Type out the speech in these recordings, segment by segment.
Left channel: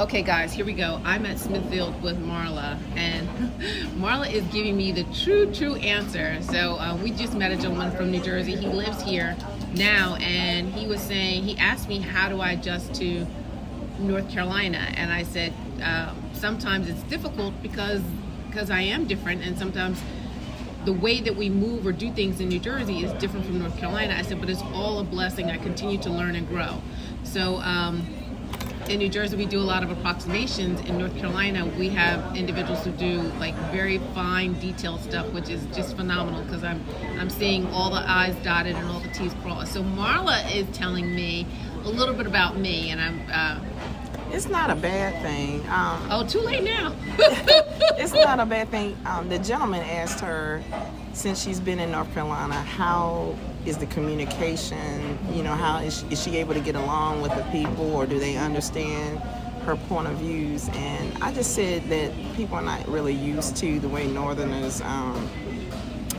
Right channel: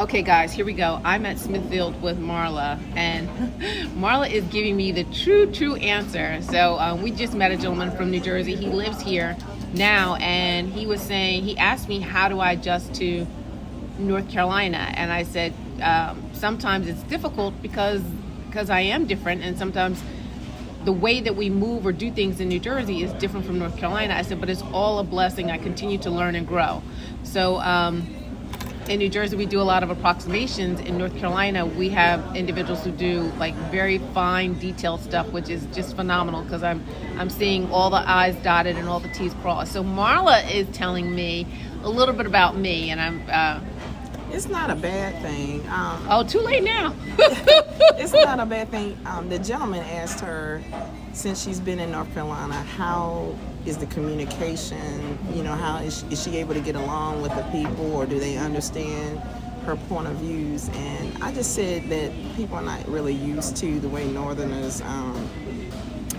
Okay, guys, here we go. I'm at Smithfield with Marla, and Marla is giving me the true answer. So we just met a gentleman from New Jersey. He lives here now, and he was saying, he asked me, how do I adjust to North Carolina? And I said, sometimes it's difficult because I am different, and sometimes the way that we move or do things in New Jersey is different from North Carolina. I said, but it's all a blessing. I continue to learn and grow. So in New Jersey, we do a lot of approximations. In North Carolina, we have individuals who do like very fine, detailed stuff, which is just phenomenal because I'm seeing all the I's dotted and all the T's crossed. So Marla is telling me a little bit about me, and I'm. It's not a bad thing. Too late now. It's not a bad thing. The gentleman asked her, since she's been in North Carolina, how is the communication? You know, how is she able to get along with the people, or do they understand her point of views? And I just said that people are not really used to the way Northerners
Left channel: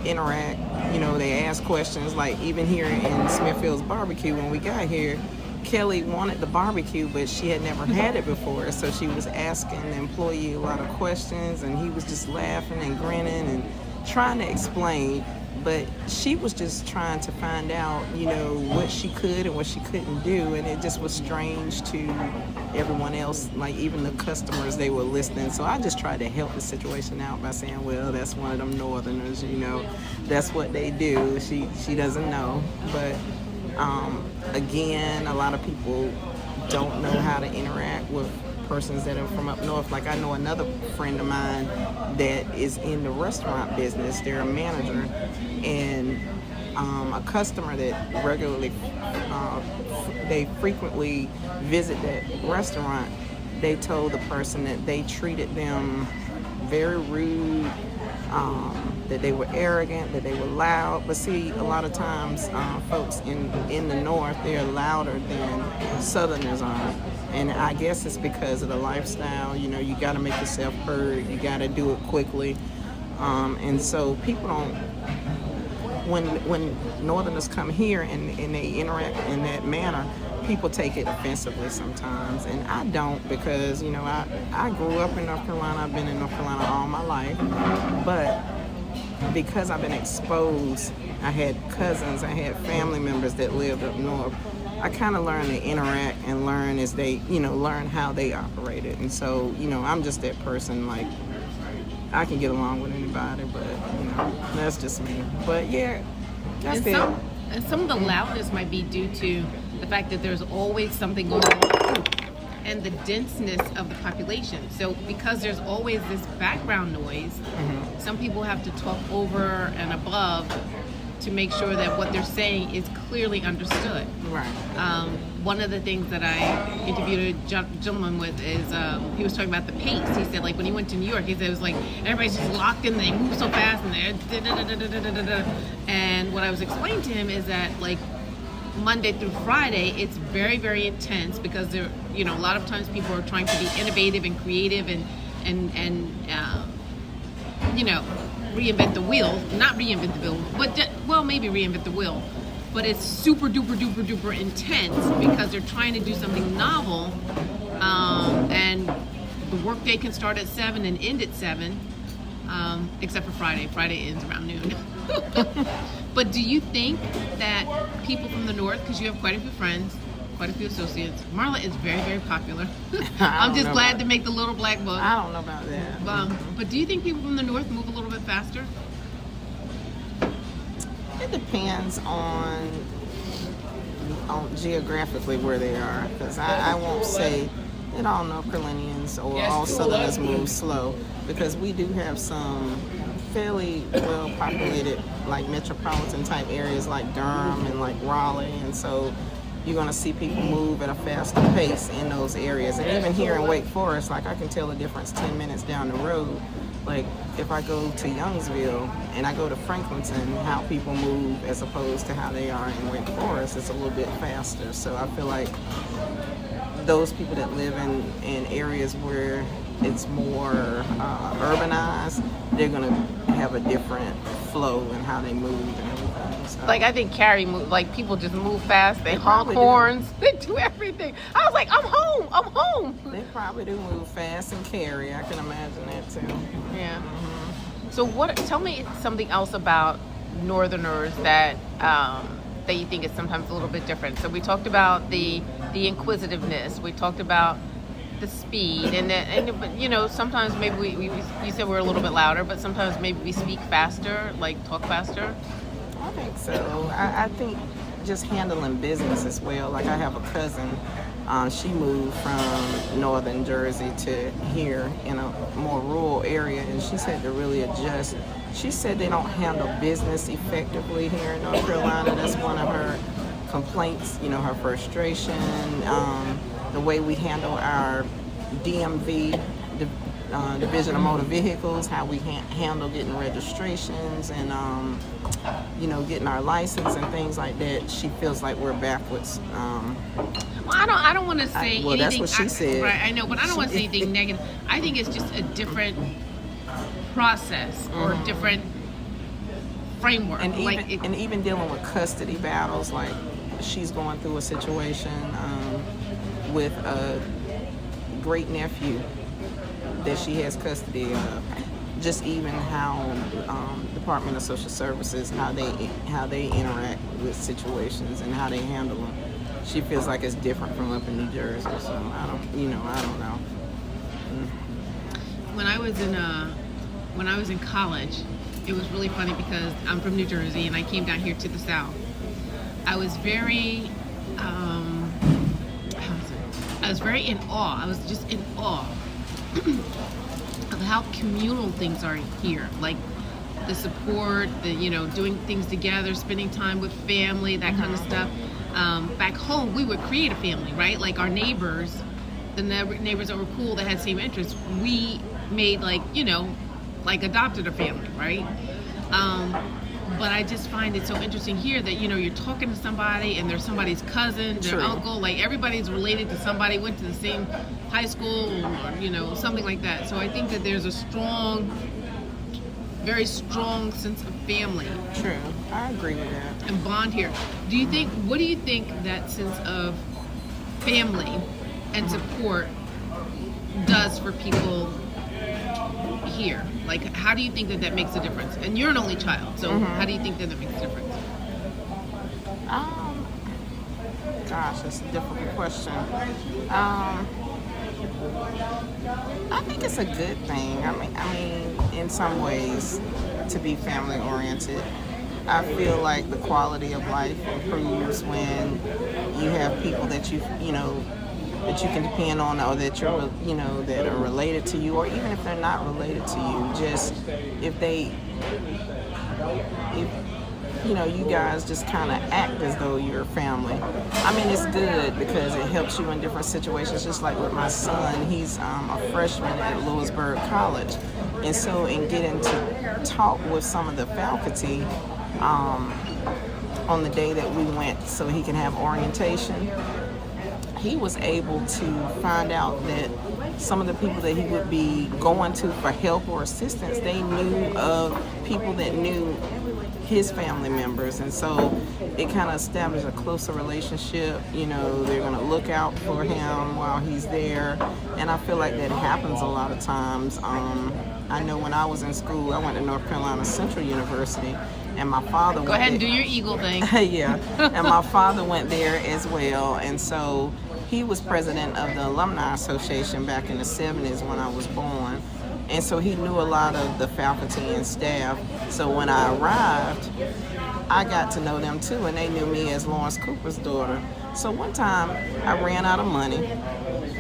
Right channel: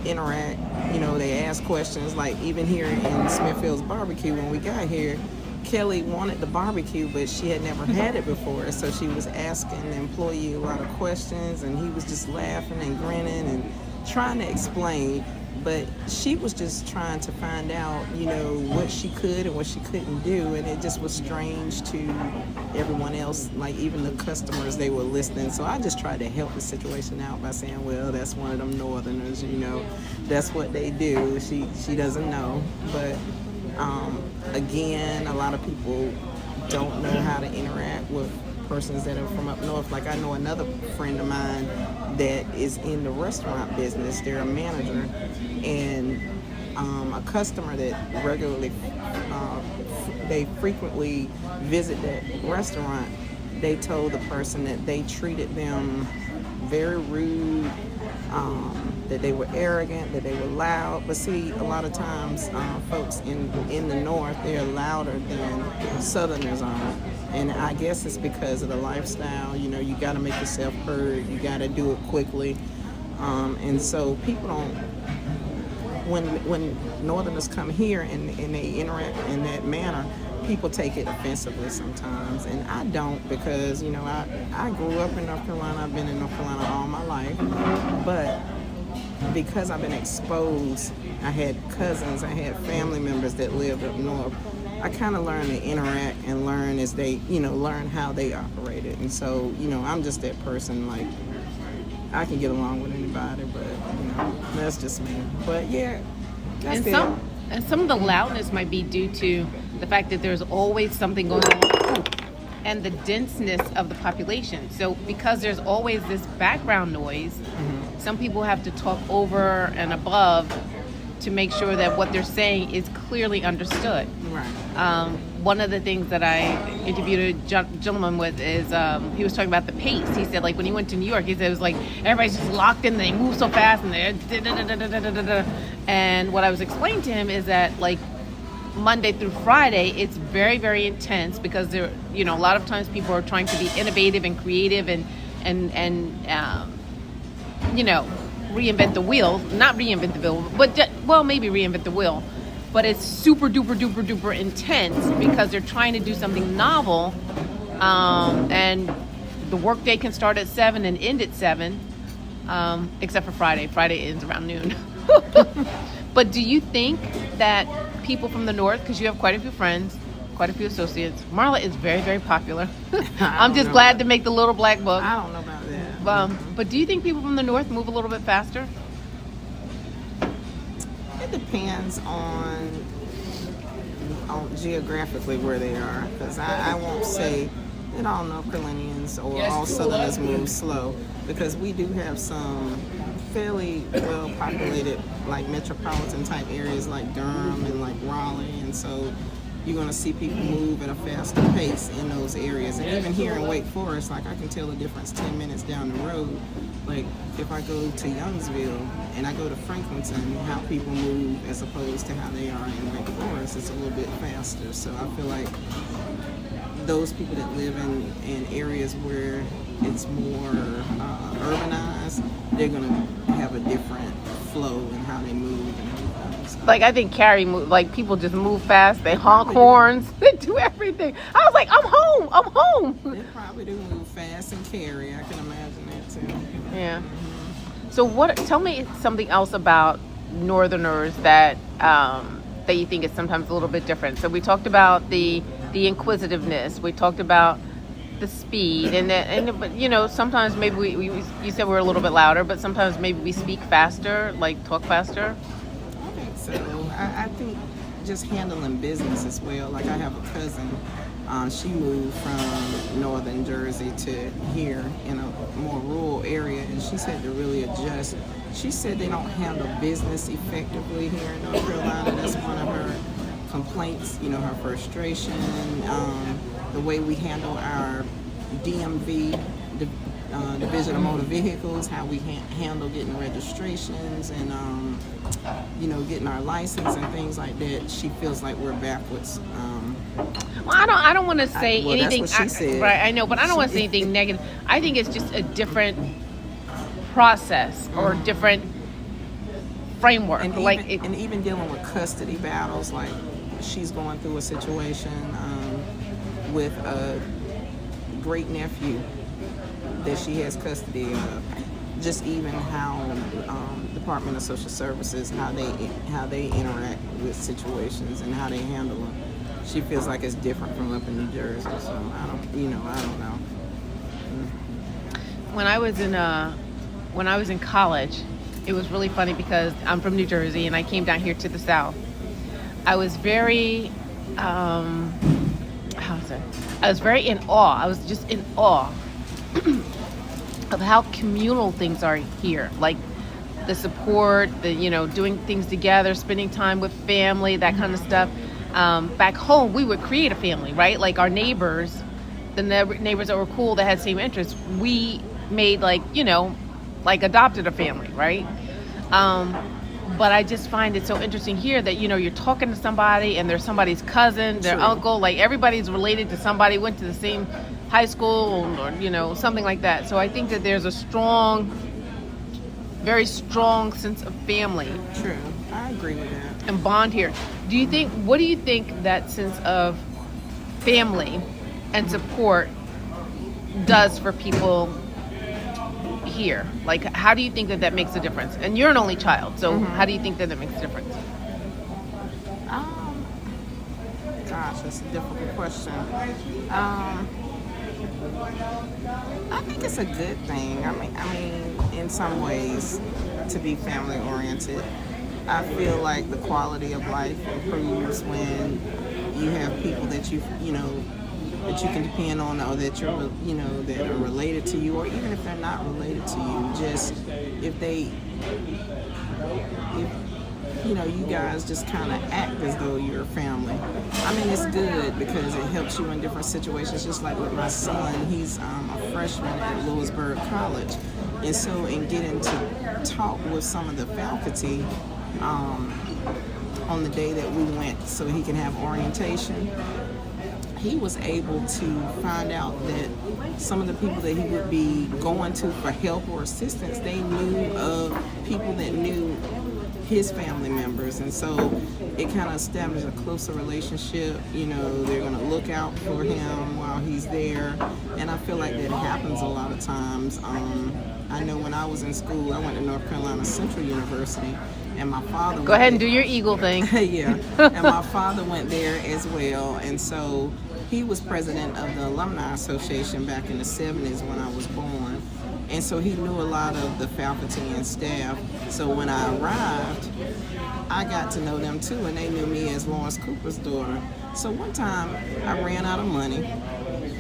interact. You know, they ask questions, like even here in Smithfield's barbecue when we got here, Kelly wanted the barbecue, but she had never had it before, so she was asking the employee a lot of questions, and he was just laughing and grinning and trying to explain, but she was just trying to find out, you know, what she could and what she couldn't do, and it just was strange to everyone else, like even the customers, they were listening. So I just tried to help the situation out by saying, well, that's one of them Northerners, you know, that's what they do. She doesn't know, but again, a lot of people don't know how to interact with persons that are from up north. Like I know another friend of mine that is in the restaurant business. They're a manager, and a customer that regularly, they frequently visit that restaurant, they told the person that they treated them very rude, that they were arrogant, that they were loud. But see, a lot of times folks in the north, they're louder than southerners are. And I guess it's because of the lifestyle. You know, you got to make yourself heard. You got to do it quickly. And so people don't, when northerners come here and they interact in that manner, people take it offensively sometimes, and I don't, because, you know, I grew up in North Carolina. I've been in North Carolina all my life, but because I've been exposed, I had cousins, I had family members that lived up north, I kind of learned to interact and learn as they, you know, learn how they operated. And so, you know, I'm just that person, like, I can get along with anybody, but, you know, that's just me. But yeah, that's it. And some of the loudness might be due to the fact that there's always something going on and the denseness of the population. So because there's always this background noise, some people have to talk over and above to make sure that what they're saying is clearly understood. Right. One of the things that I interviewed a gentleman with is he was talking about the pace. He said, like, when he went to New York, he said it was like everybody's just locked in, they move so fast, and they're and what I was explaining to him is that, like, Monday through Friday, it's very, very intense because there, you know, a lot of times people are trying to be innovative and creative and you know, reinvent the wheel. Not reinvent the wheel, but maybe reinvent the wheel. But it's super duper intense because they're trying to do something novel, and the workday can start at 7 and end at 7, except for Friday. Friday ends around noon. But do you think that people from the north, because you have quite a few friends, quite a few associates, Marla is very, very popular. I'm just glad to make the little black book. I don't know about that. But do you think people from the north move a little bit faster? It depends on geographically where they are, because I won't say that all North Carolinians or all Southerners move slow, because we do have some fairly well populated, like metropolitan type areas like Durham and like Raleigh, and so you're going to see people move at a faster pace in those areas. And even here in Wake Forest, like, I can tell the difference 10 minutes down the road. Like, if I go to Youngsville and I go to Franklinton, how people move as opposed to how they are in Wake Forest, it's a little bit faster. So I feel like those people that live in areas where it's more urbanized, they're going to have a different flow in how they move and everything. So. Like, I think Cary moved, like, people just move fast, they honk horns, they do everything. I was like, I'm home. probably do move fast and carry. I can imagine that too. Yeah. So tell me something else about Northerners that that you think is sometimes a little bit different. So we talked about the inquisitiveness. We talked about the speed, and you know, sometimes maybe you said we're a little bit louder, but sometimes maybe we speak faster, like talk faster. I think so. I think just handling business as well. Like I have a cousin. She moved from northern Jersey to here in a more rural area, and she's had to really adjust. She said they don't handle business effectively here in North Carolina. That's one of her complaints, you know, her frustration, the way we handle our DMV, Division of Motor Vehicles, how we handle getting registrations and, you know, getting our license and things like that. She feels like we're backwards. I don't want to say well, anything. that's what she said. Right, I know, but I don't want to say anything negative. I think it's just a different process or different framework. And like even dealing with custody battles, like she's going through a situation with a great nephew that she has custody of. Just even how Department of Social Services, how they interact with situations and how they handle them. She feels like it's different from up in New Jersey. So I don't know. When I was in college, it was really funny because I'm from New Jersey and I came down here to the South. I was very, I was very in awe. I was just in awe of how communal things are here. Like the support, doing things together, spending time with family, that kind of stuff. Back home, we would create a family, right? Like our neighbors, the neighbors that were cool, that had same interests, we made adopted a family, right? But I just find it so interesting here that, you're talking to somebody and they're somebody's cousin, their True. uncle, like everybody's related to somebody, went to the same high school or, something like that. So I think that there's a very strong sense of family. True. I agree with that. And bond here. What do you think that sense of family and support does for people here? Like, how do you think that makes a difference? And you're an only child, so how do you think that makes a difference? Gosh, that's a difficult question. I think it's a good thing. I mean, in some ways, to be family oriented. I feel like the quality of life improves when you have people that you can depend on, or that that are related to you, or even if they're not related to you, just if you guys just kind of act as though you're family. I mean, it's good because it helps you in different situations. Just like with my son, he's a freshman at Lewisburg College, and so in getting to talk with some of the faculty on the day that we went so he can have orientation, he was able to find out that some of the people that he would be going to for help or assistance, they knew of people that knew his family members, and so it kind of established a closer relationship. They're going to look out for him while he's there, and I feel like that happens a lot of times. I know when I was in school, I went to North Carolina Central University, and my father Go ahead and do your Eagle thing. yeah, and my father went there as well, and so he was president of the Alumni Association back in the 70s when I was born. And so he knew a lot of the faculty and staff. So when I arrived, I got to know them too, and they knew me as Lawrence Cooper's daughter. So one time I ran out of money.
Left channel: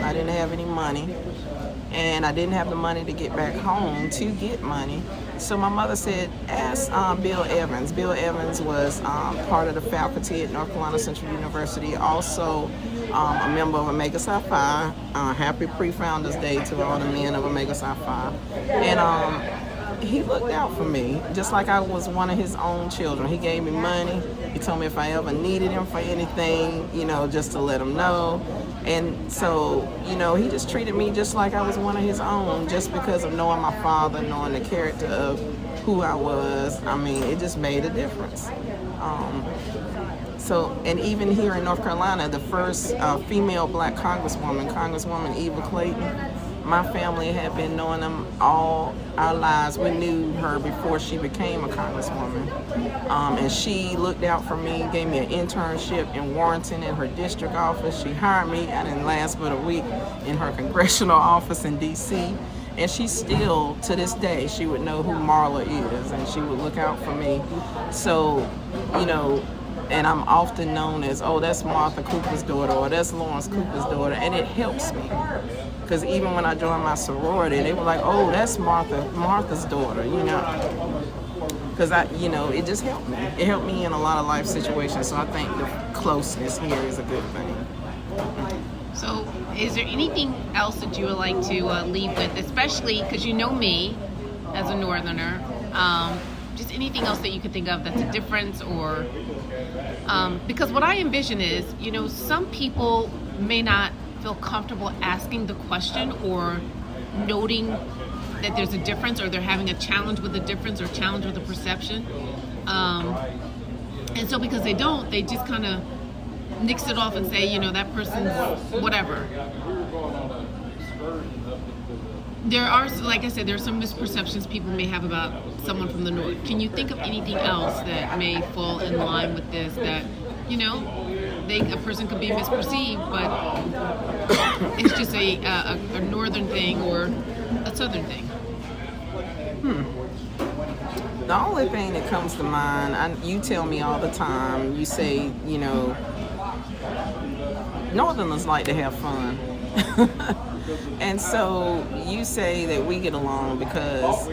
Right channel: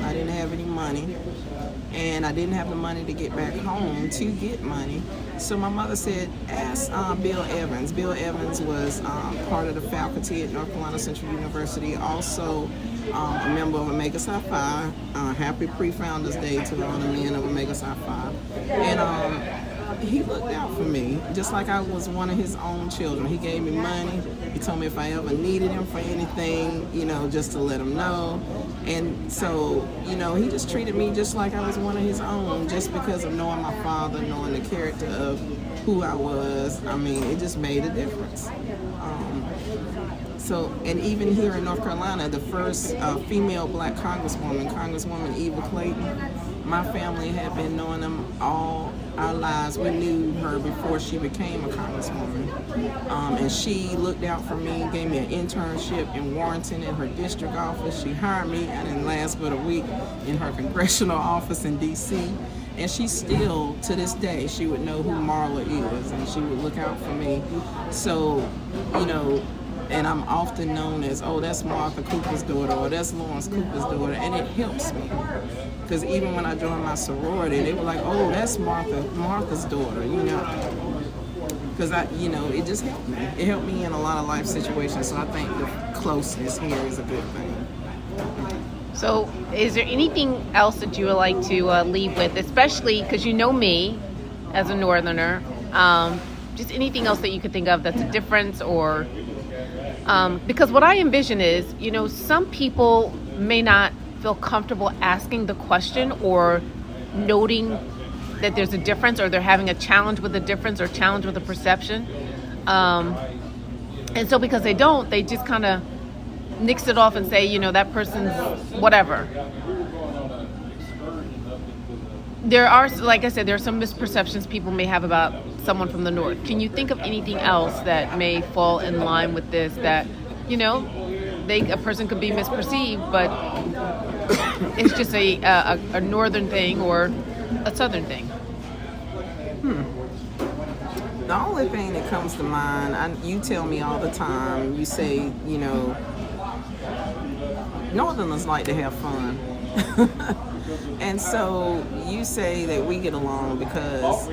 I didn't have any money, and I didn't have the money to get back home to get money. So my mother said, ask Bill Evans. Bill Evans was part of the faculty at North Carolina Central University, also a member of Omega Psi Phi. Happy Pre-Founders Day to all the men of Omega Psi Phi. And he looked out for me, just like I was one of his own children. He gave me money. He told me if I ever needed him for anything, just to let him know. And so, he just treated me just like I was one of his own, just because of knowing my father, knowing the character of who I was. I mean, it just made a difference. So, and even here in North Carolina, the first female black Congresswoman Eva Clayton, my family had been knowing them all our lives. We knew her before she became a congresswoman. And she looked out for me, gave me an internship in Warrenton in her district office. She hired me, I didn't last but a week, in her congressional office in D.C. And she still, to this day, she would know who Marla is, and she would look out for me. So, you know, and I'm often known as, oh, that's Martha Cooper's daughter, or that's Lawrence Cooper's daughter, and it helps me. Because even when I joined my sorority, they were like, oh, that's Martha's daughter, you know. Because it just helped me. It helped me in a lot of life situations, so I think the closeness here is a good thing. So is there anything else that you would like to leave with, especially because you know me as a Northerner, just anything else that you could think of that's a difference, or because what I envision is, you know, some people may not feel comfortable asking the question or noting that there's a difference, or they're having a challenge with a difference or challenge with a perception. And so because they don't, they just kind of nix it off and say, you know, that person's whatever. There are, like I said, there are some misperceptions people may have about someone from the North. Can you think of anything else that may fall in line with this, that, you know, a person could be misperceived, but it's just a Northern thing or a Southern thing? The only thing that comes to mind, you tell me all the time, you say, you know, Northerners like to have fun. And so you say that we get along because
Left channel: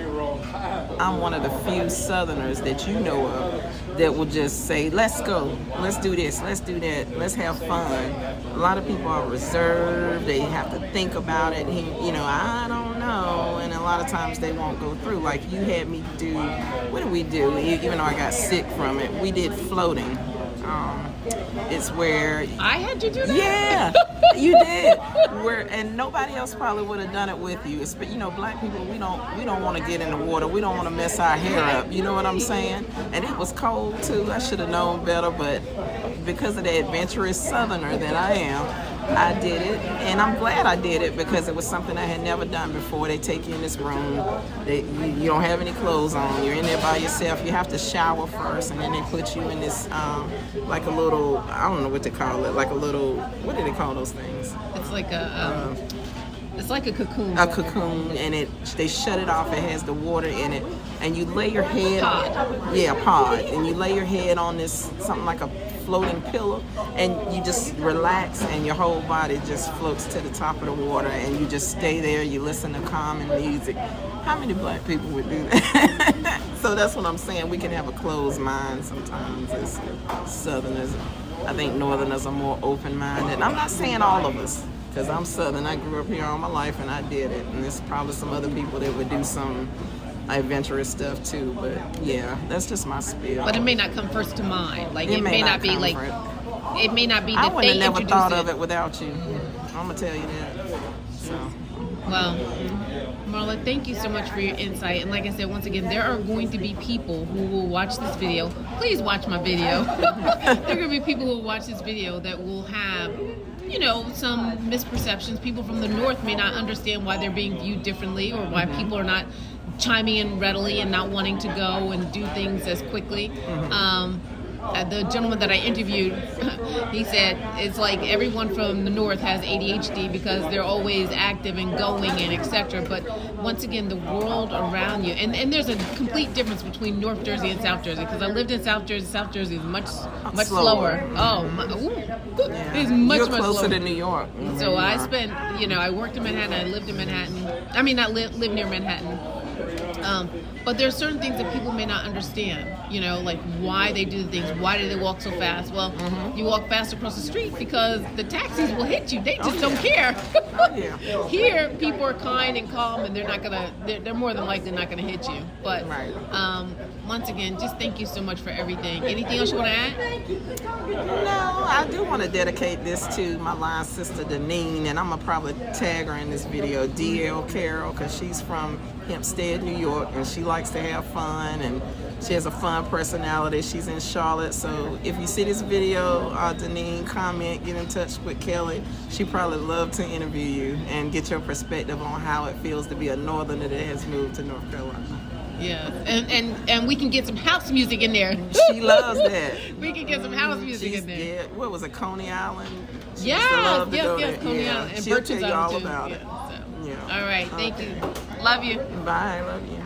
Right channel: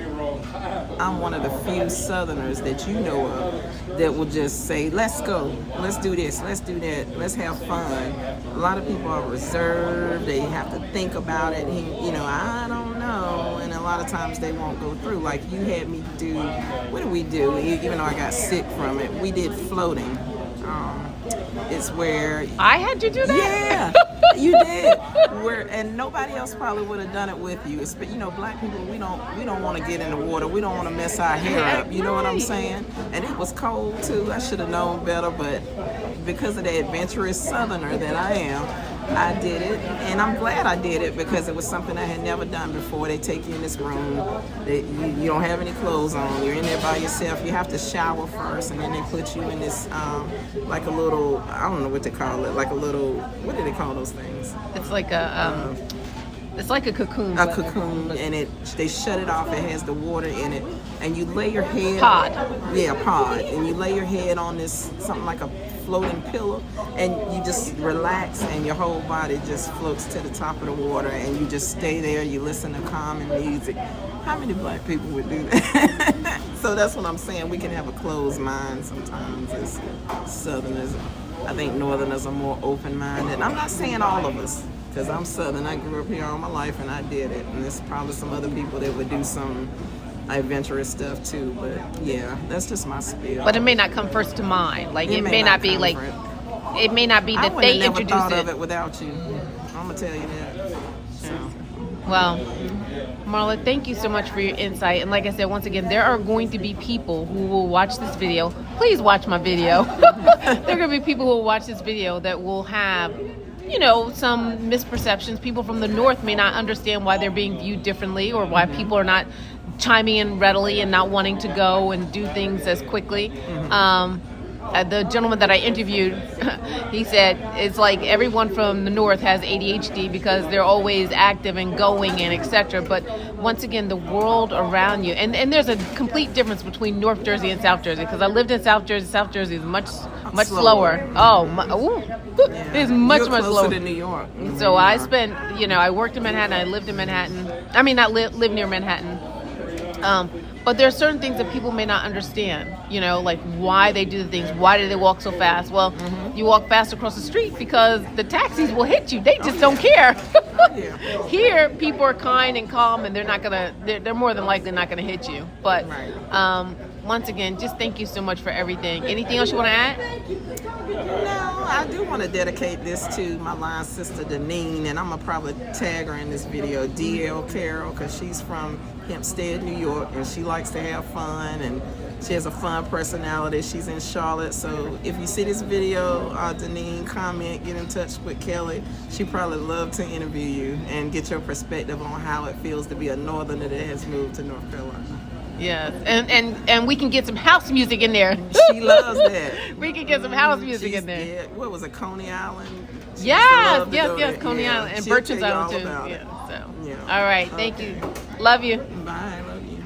I'm one of the few Southerners that you know of that will just say, let's go, let's do this, let's do that, let's have fun. A lot of people are reserved, they have to think about it, you know, I don't know, and a lot of times they won't go through. Like you had me do, what did we do? Even though I got sick from it, we did floating. It's where I had you do that? Yeah, you did. And nobody else probably would have done it with you. But you know, black people, we don't want to get in the water. We don't want to mess our hair up. You know what I'm saying? And it was cold too. I should have known better, but because of the adventurous Southerner that I am, I did it, and I'm glad I did it because it was something I had never done before. They take you in this room, you don't have any clothes on, you're in there by yourself, you have to shower first, and then they put you in this, like a little, I don't know what they call it, like a little, what do they call those things? It's like it's like a cocoon. A cocoon, and they shut it off. It has the water in it, and you lay your head. Pod. Yeah, pod, and you lay your head on this something like a floating pillow, and you just relax, and your whole body just floats to the top of the water, and you just stay there. You listen to calming music. How many black people would do that? So that's what I'm saying. We can have a closed mind sometimes as Southerners. I think Northerners are more open-minded. I'm not saying all of us, because I'm Southern. I grew up here all my life and I did it. And there's probably some other people that would do some adventurous stuff too. But yeah, that's just my spiel. But it may not come first to mind. Like it may not be like it may not be that I would have they never introduce thought it. of it without you. I'm gonna tell you that. So. Well, Marla, thank you so much for your insight. And like I said, once again, there are going to be people who will watch this video. Please watch my video. There are going to be people who will watch this video that will have, you know, some misperceptions. People from the North may not understand why they're being viewed differently, or why people are not chiming in readily and not wanting to go and do things as quickly. The gentleman that I interviewed, he said it's like everyone from the North has ADHD because they're always active and going and etc. But once again, the world around you, and there's a complete difference between North Jersey and South Jersey, because I lived in South Jersey. South Jersey is much slower. Oh, it's much You're closer slower to New York. So I spent, I worked in Manhattan. I lived in Manhattan. I mean, not live near Manhattan. But there are certain things that people may not understand, like why they do the things. Why do they walk so fast? Well, you walk fast across the street because the taxis will hit you. They just don't care. Here, people are kind and calm, and they're more than likely not gonna hit you. But once again, just thank you so much for everything. Anything else you want to add? No, I do want to dedicate this to my line sister Deneen, and I'm gonna probably tag her in this video, DL Carroll, because she's from Hempstead, New York, and she likes to have fun, and she has a fun personality. She's in Charlotte, so if you see this video, Deneen, comment, get in touch with Kelly. She'd probably love to interview you and get your perspective on how it feels to be a northerner that has moved to North Carolina. Yes, and we can get some house music in there. She loves that. We can get some house music She's, in there. yeah, what was it, Coney Island? She used to Yes, love to yes, go yes, there. Coney Yeah, Island and she'll Bertrand's tell you all Island too. about Yeah, it. so. Yeah. All right, thank Okay. you. Love you. Bye, love you.